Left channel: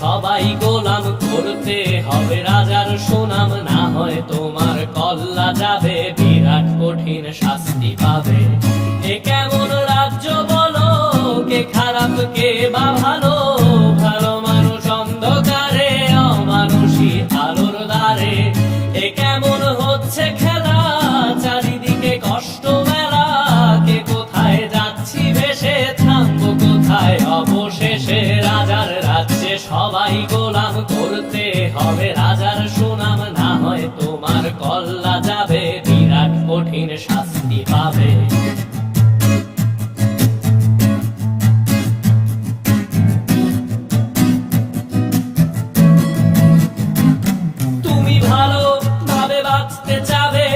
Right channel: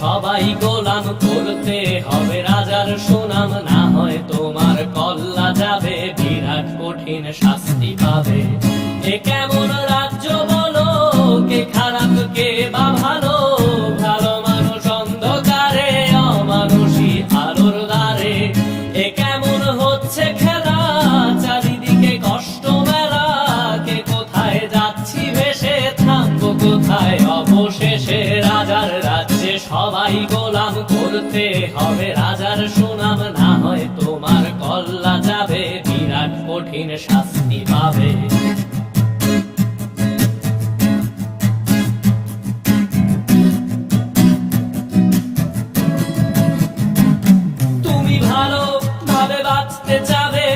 সবাই গোলাম, করতে হবে রাজার সুনাম, না হয় তোমার কল্লা যাবে, বিরাট কঠিন শাস্তি পাবে। এ কেমন রাজ্য বলো, কে খারাপ কে বা ভালো, ভালো মানুষ অন্ধকারে, অমানুষী আলোর দ্বারে। এ কেমন হচ্ছে খেলা, চারিদিকে কষ্ট মেলা, কে কোথায় যাচ্ছি ভেসে, থামবো কোথায় অবশেষে। রাজার রাজ্যে সবাই গোলাম, করতে হবে রাজার সুনাম, না হয় তোমার কল্লা যাবে, বিরাট কঠিন শাস্তি পাবে। তুমি ভালো ভাবে বাঁচতে চাবে,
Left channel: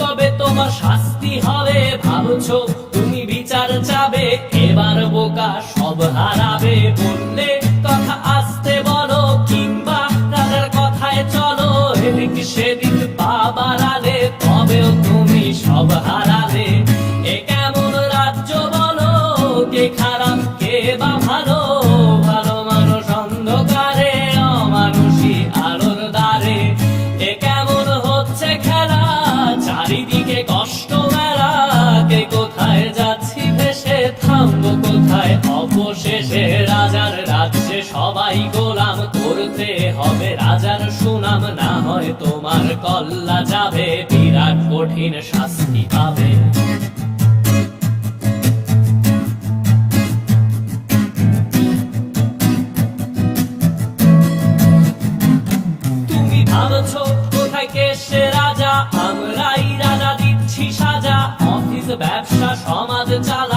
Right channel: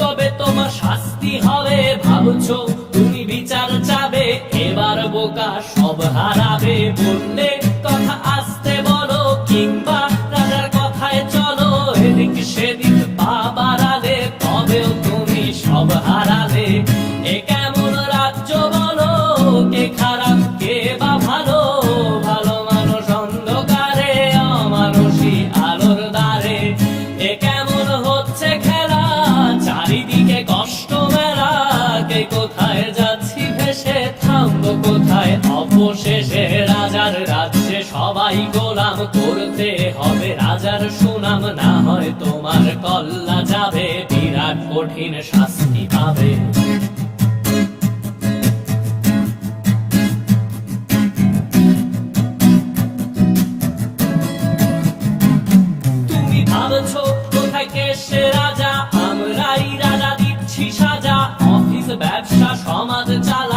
তবে তোমার শাস্তি হবে। ভাবছো তুমি বিচার চাবে, এবার বোকা সব হারাবে। বললে কথা আসতে বলো, কিংবা রাজার কথায় চলো, এদিক সেদিক পা বাড়ালে, তবেও তুমি সব হারালে। এ কেমন রাজ্য বলো, কে খারাপ কে বা ভালো, ভালো মানুষ অন্ধকারে, অমানুষী আলোর দ্বারে। এ কেমন হচ্ছে খেলা, চারিদিকে কষ্ট মেলা, কে কোথায় যাচ্ছি ভেসে, থামবো কোথায় অবশেষে। রাজার রাজ্যে সবাই গোলাম, করতে হবে রাজার সুনাম, না হয় তোমার কল্লা যাবে, বিরাট কঠিন শাস্তি পাবে। তুমি ভাবছো কোথায় কে সে রাজা, আমরাই রাজা দিচ্ছি সাজা, অফিস ব্যবসা সমাজ চালা,